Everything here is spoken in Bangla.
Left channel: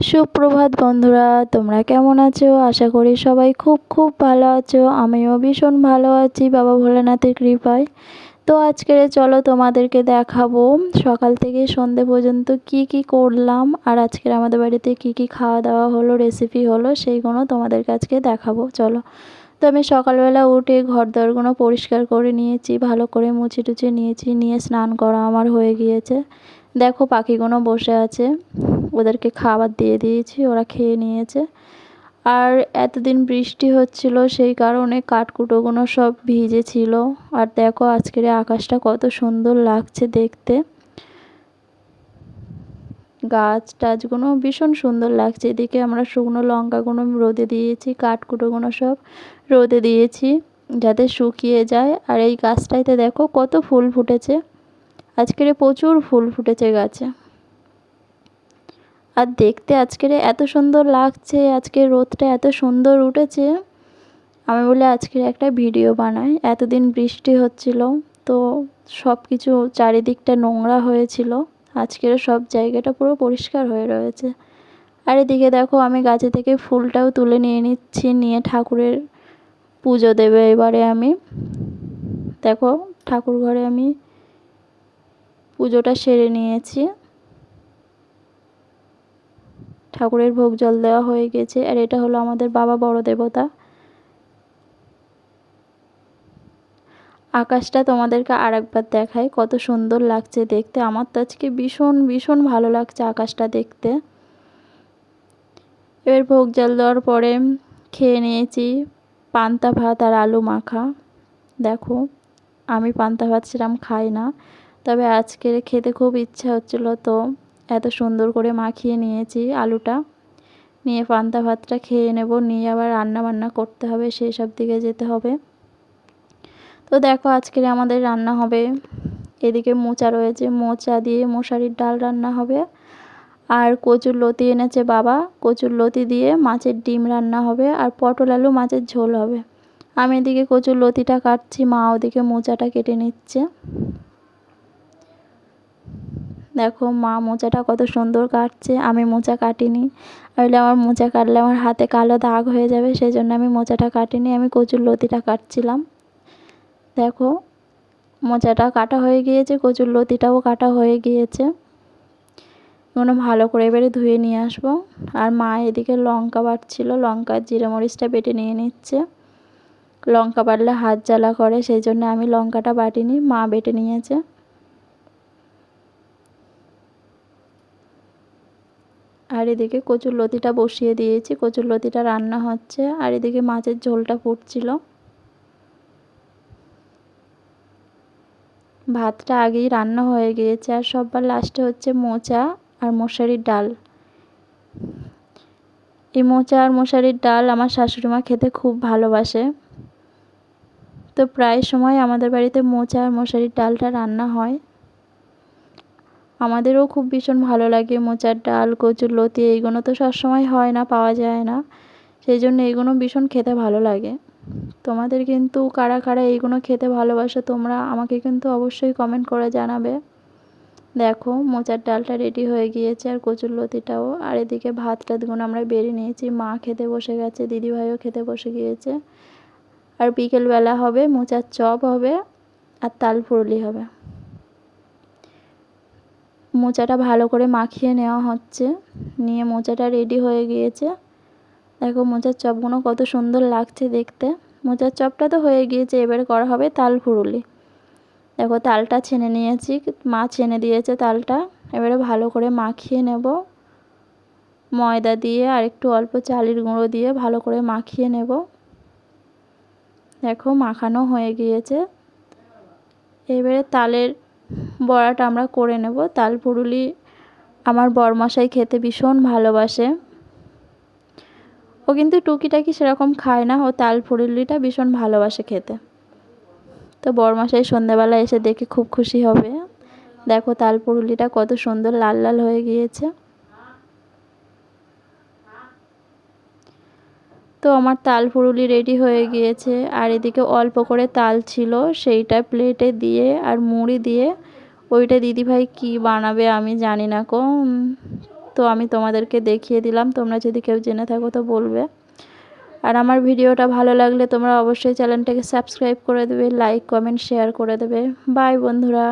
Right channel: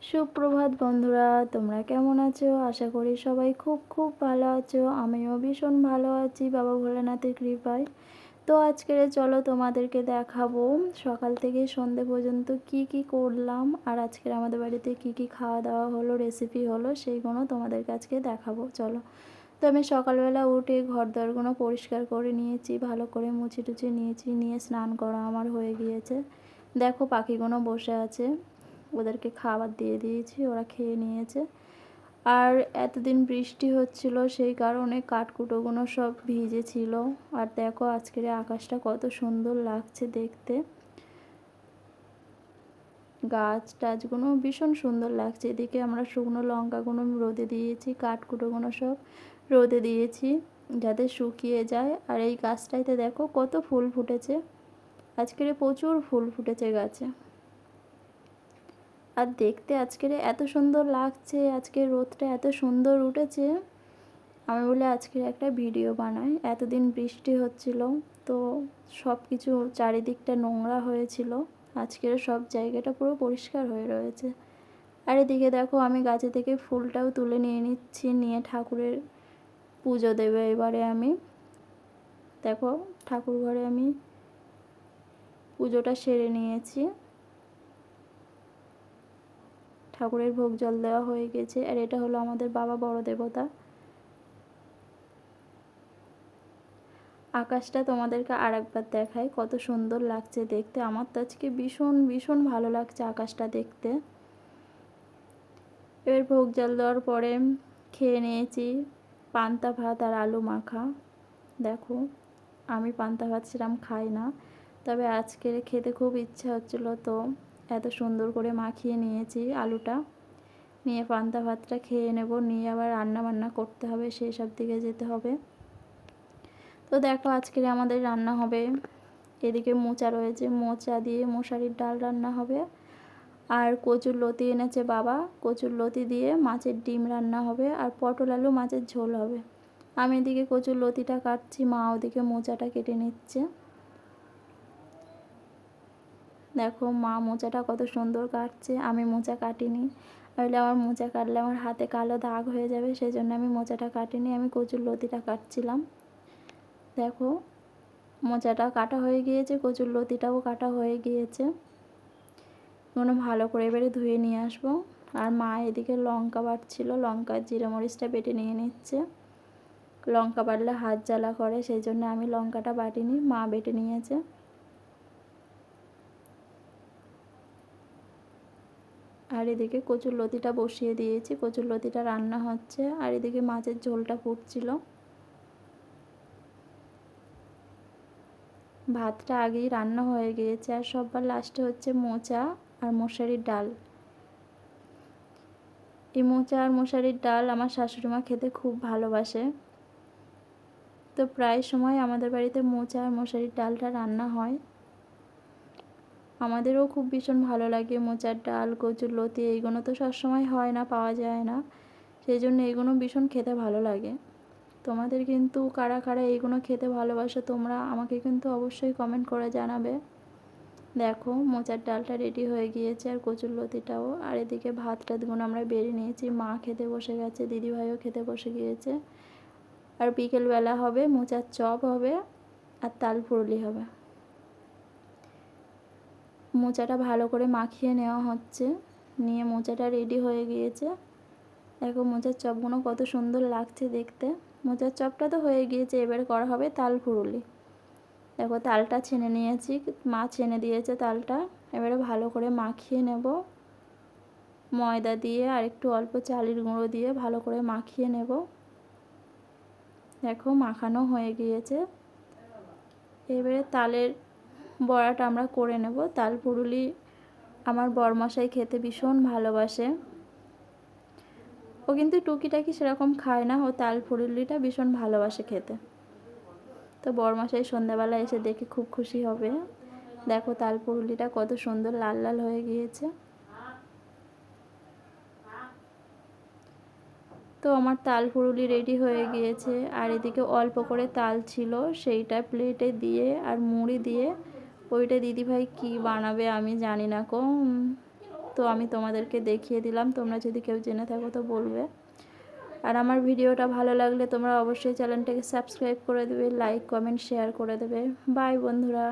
সুপ্রভাত বন্ধুরা, তোমরা কেমন আছো? আশা করি সবাই খুব খুব ভালো আছো। আমিও ভীষণ ভালো আছি, বাবা ভোলানাথের কৃপায়। তো আজকের চলো তোমাদেরকে দেখাবো, সকাল থেকে সন্ধে পর্যন্ত কি কি করলাম, আর আজকের আমাদের বাড়িতে কি কি খাওয়া দাওয়া হলো রেসিপি হলো, সেইগুলো তোমাদেরকে আজকে দেখাবো। চলো। তো আমি সকালবেলা উঠে ঘর দরগুলো পরিষ্কার করে নিয়েছি, ভালো করে মুছে টুচে নিয়েছি, নিয়ে স্নান করা আমার হয়ে গিয়েছে। দেখো পাখিগুলো বসে আছে। ওদেরকে খাবার দিয়ে দিয়েছি, ওরা খেয়ে নিয়েছে। আর এতদিন বৃষ্টি হচ্ছিল, সেই কারণে কাঠকুটোগুলো সব ভিজে ছিল। আর দেখো আজকের আকাশটা কত সুন্দর লাগছে দেখতে। গাছ টাছগুলো ভীষণ সুন্দর লাগছে। এদিকে আমরা শুকনো লঙ্কাগুলো রোদে দিয়েছি কাঠকুটোগুলো সব রোদে দিয়েছি যাতে শুকিয়ে যায়। আর এই গাছটাইতে দেখো কত ফুল ফুটেছে। আজকের প্রচুর ফুল ফুটেছে গাছে। আর দেখতে আজকের এত সুন্দর লাগছে, আজকে রোদটা এত সুন্দর উঠেছে। আমি বলে আজকের একটা ভিডিও বানাই। এতদিন বৃষ্টি হচ্ছিল, তো সব কিছু চারিদিকটা নোংরা হয়েছিল। আজকের সব জায়গাটা পুরো পরিষ্কার হয়ে রয়েছে। আর এদিকে দেখো, আমি গাছে থেকে ফুলটাও তুলে নিয়ে নিচ্ছি, নিয়ে ঠাকুরের পুজো দেবে এবারে আমি। দেখো, ঠাকুর ঘরে আমি পুজোটা সেরে নিয়েছি। ঠাকুরের ভোগ জল দেওয়া হয়ে গেছে, আর এটা হলো আমাদের বাবা বড় দেবতা। আকাশটা তোমাদেরকে আর একবার দেখায় কত সুন্দর লাগছে দেখতে। আমার তো আজকে ভীষণ ভীষণ ভালো লাগছে আকাশটা দেখতে। এবার ভোগ জল দেওয়ার পরে খেয়ে নিয়েছি পান্তা ভাত আর আলু মাখা। দেখো, আমি পান্তা ভাত সেরকম খাই না, তবে আজকে খেতে খুব ইচ্ছা হচ্ছিল তো এত সুন্দর করে মাখিয়ে নিয়েছি আলুটা। নিয়ে পান্তা ভাতটা খেয়ে নেব, নিয়ে আবার রান্না বান্না করতে হবে, সেই সব দিকে যেতে হবে। তো দেখো আজকের আমাদের রান্না হবে। এদিকে মোচা রয়েছে, মোচা দিয়ে মশারির ডাল রান্না হবে। আর কচুর লতি এনেছে বাবা, কচুর লতি দিয়ে মাছের ডিম রান্না হবে আর পটল আলু মাছের ঝোল হবে। আমি এদিকে কচুর লতিটা কাটছি, মা ওদিকে মোচাটা কেটে নিচ্ছে। দেখো মা মোচাটা কত সুন্দর কাটছে। আমি মোচা কাটিনি। আসলে আমার মোচা কাটলে আমার হাতে কালো দাগ হয়ে যাবে সেই জন্য আমি মোচাটা কাটিনি। আমি কচুর লতিটা কাটছিলাম। দেখো, মোচাটা কাটা হয়ে গিয়েছে, কচুর লতিটাও কাটা হয়ে গিয়েছে। কোনো ভালো করে এবারে ধুয়ে নিয়ে আসব। আর মা এদিকে লঙ্কা বাটছিল। লঙ্কা জিরে মরিচটা বেটে নিয়ে নিচ্ছে। লঙ্কা বাটলে হাত জ্বালা করে সেই জন্য আমি লঙ্কাটা বাটিনি। মা বেটে নিয়েছে। আর এদিকে কচুর লতিটা বসিয়ে দিয়েছি। কচুর লতিটা রান্না হচ্ছে আর এদিকে মাছের ঝোলটা ফুটছিল। ভাতটা আগেই রান্না হয়ে গিয়েছে আর সববার লাস্টে হচ্ছে মোচা আর মশারির ডাল। এই মোচা আর মশারির ডাল আমার শাশুড়ি মা খেতে খুব ভালোবাসে। তো প্রায় সময় আমাদের বাড়িতে মোচা আর মশারির ডালটা রান্না হয়। আমাদেরও খুব ভীষণ ভালো লাগে, মোচার ডাল, কচুর লতি, এইগুলো তো সবসময় হয় না, পাওয়া যায় না। সেই জন্য এইগুলো ভীষণ খেতে ভালো লাগে। তোমাদের কিন্তু কারা কারা এইগুলো খেতে ভালোবাসো তোমরা আমাকে কিন্তু অবশ্যই কমেন্ট করে জানাবে। দেখো, মোচার ডালটা রেডি হয়ে গিয়েছে আর কচুর লতিটাও। আর এদিকে ভাত টাতগুলো আমরা বেড়ে নিয়েছি। মা খেতে বসে গেছে, দিদিভাইও খেতে বসে গিয়েছে। আর বিকেলবেলা হবে, মোচার চপ হবে আর তাল ফুরলি হবে। মোচাটা ভালো করে মাখিয়ে নেওয়া হচ্ছে। নিয়ে মোচাটা রেডি হয়ে গিয়েছে। দেখো মোচার চপগুলো কত সুন্দর লাগছে দেখতে। মোচার চপটা তো হয়ে গিয়েছে, এবারে করা হবে তাল ফুরুলি। দেখো তালটা ছেনে নিয়েছি, মা ছেনে দিয়েছে তালটা। এবারে ভালো করে মাখিয়ে নেব। ময়দা দিয়ে আর একটু অল্প চালের গুঁড়ো দিয়ে ভালো করে মাখিয়ে নেব। দেখো মাখানো হয়ে গিয়েছে। এবারে তালের বড়াটা আমরা করে নেব। তাল পুরুলি আমার বরমশাই খেতে ভীষণ ভালোবাসে। ও কিন্তু টুকিটাকি সেরকম খায় না। ও তাল পুরুলিটা ভীষণ ভালোবাসে খেতে। তো বরমশাই সন্ধ্যাবেলা এসে দেখে খুব খুশি হবে। দেখো তাল পুরুলিটা কত সুন্দর লাল লাল হয়ে গিয়েছে। তো আমার তাল ফুরুলি রেডি হয়ে গিয়েছে। আর এদিকে অল্প করে তাল ছিল, সেইটা প্লেটে দিয়ে আর মুড়ি দিয়ে ওইটা দিদিভাই কি বানাবে আমি জানি না কো। তো আমি তোমাদেরকে দেখিয়ে দিলাম, তোমরা যদি কেউ জেনে থাকো তো বলবে। আর আমার ভিডিওটা ভালো লাগলে তোমরা অবশ্যই চ্যানেলটাকে সাবস্ক্রাইব করে দেবে লাইক কমেন্ট শেয়ার করে দেবে। বাই বন্ধুরা।